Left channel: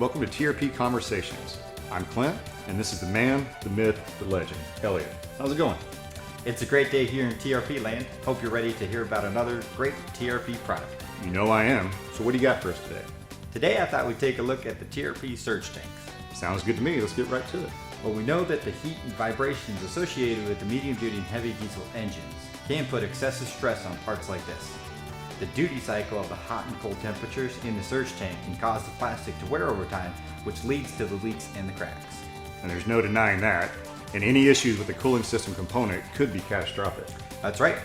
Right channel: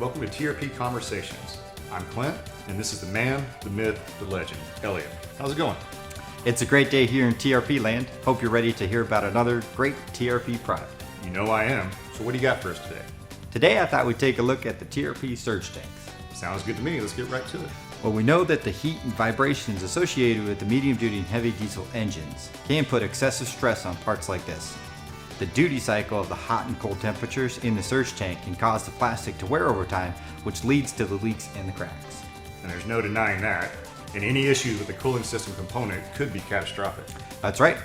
welcome to TRP Conversations. I'm Clint, and this is the man, the myth, the legend, Elliot. How's it going? It's a great day here in TRP land. Hope you're ready to hear about another great TRP product. You know I am. So what do you got for us today? Today I thought we'd take a look at the TRP Surge Tanks. Sounds good to me. Let's get right to it. Well, we know that the heat and vibrations associated with the medium-duty and heavy diesel engines can put excessive stress on parts like this. The duty cycle of the hot and cold temperatures in the surge tank can cause the plastic to wear over time, which leads to the leaks and the cracks. And there's no denying that. And any issues with the cooling system component could be catastrophic. That's right.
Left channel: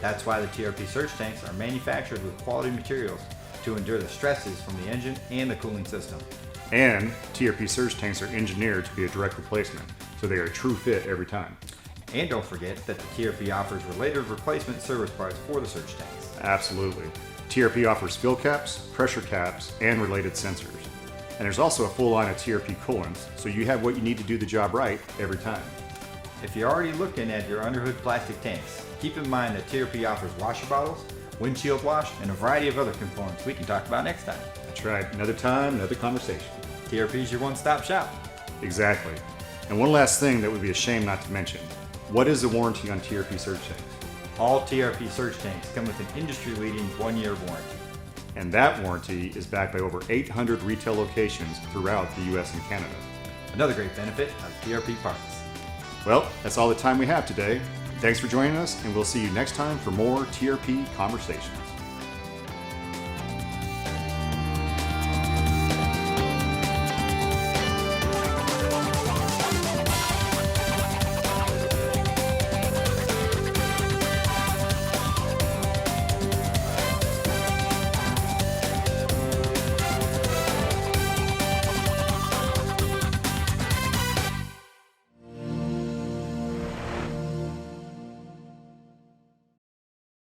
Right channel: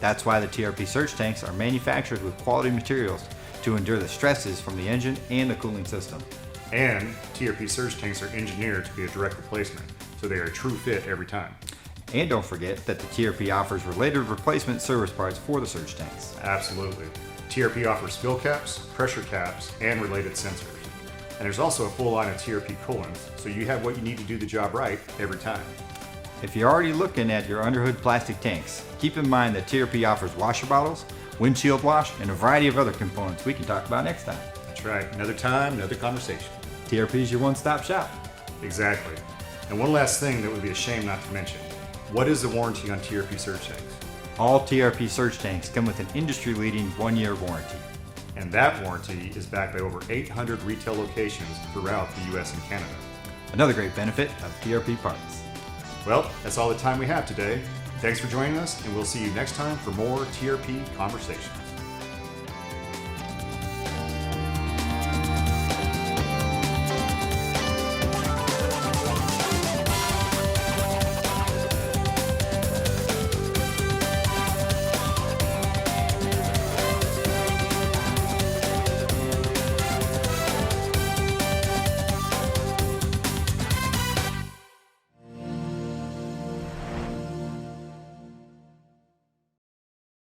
That's why the TRP surge tanks are manufactured with quality materials to endure the stresses from the engine and the cooling system. And TRP surge tanks are engineered to be a direct replacement, so they are a true fit every time. And don't forget that the TRP offers related replacement service parts for the surge tanks. Absolutely. TRP offers spill caps, pressure caps, and related sensors. And there's also a full line of TRP coolants, so you have what you need to do the job right every time. If you're already looking at your underhood plastic tanks, keep in mind that TRP offers washer bottles, windshield wash, and a variety of other components we can talk about next time. That's right. Another time, another conversation. TRP is your one-stop shop. Exactly. And one last thing that would be a shame not to mention. What is the warranty on TRP surge tanks? All TRP surge tanks come with an industry-leading 1-year warranty. And that warranty is backed by over 800 retail locations throughout the US and Canada. Another great benefit of TRP parts. Well, that's all the time we have today. Thanks for joining us, and we'll see you next time for more TRP Conversations.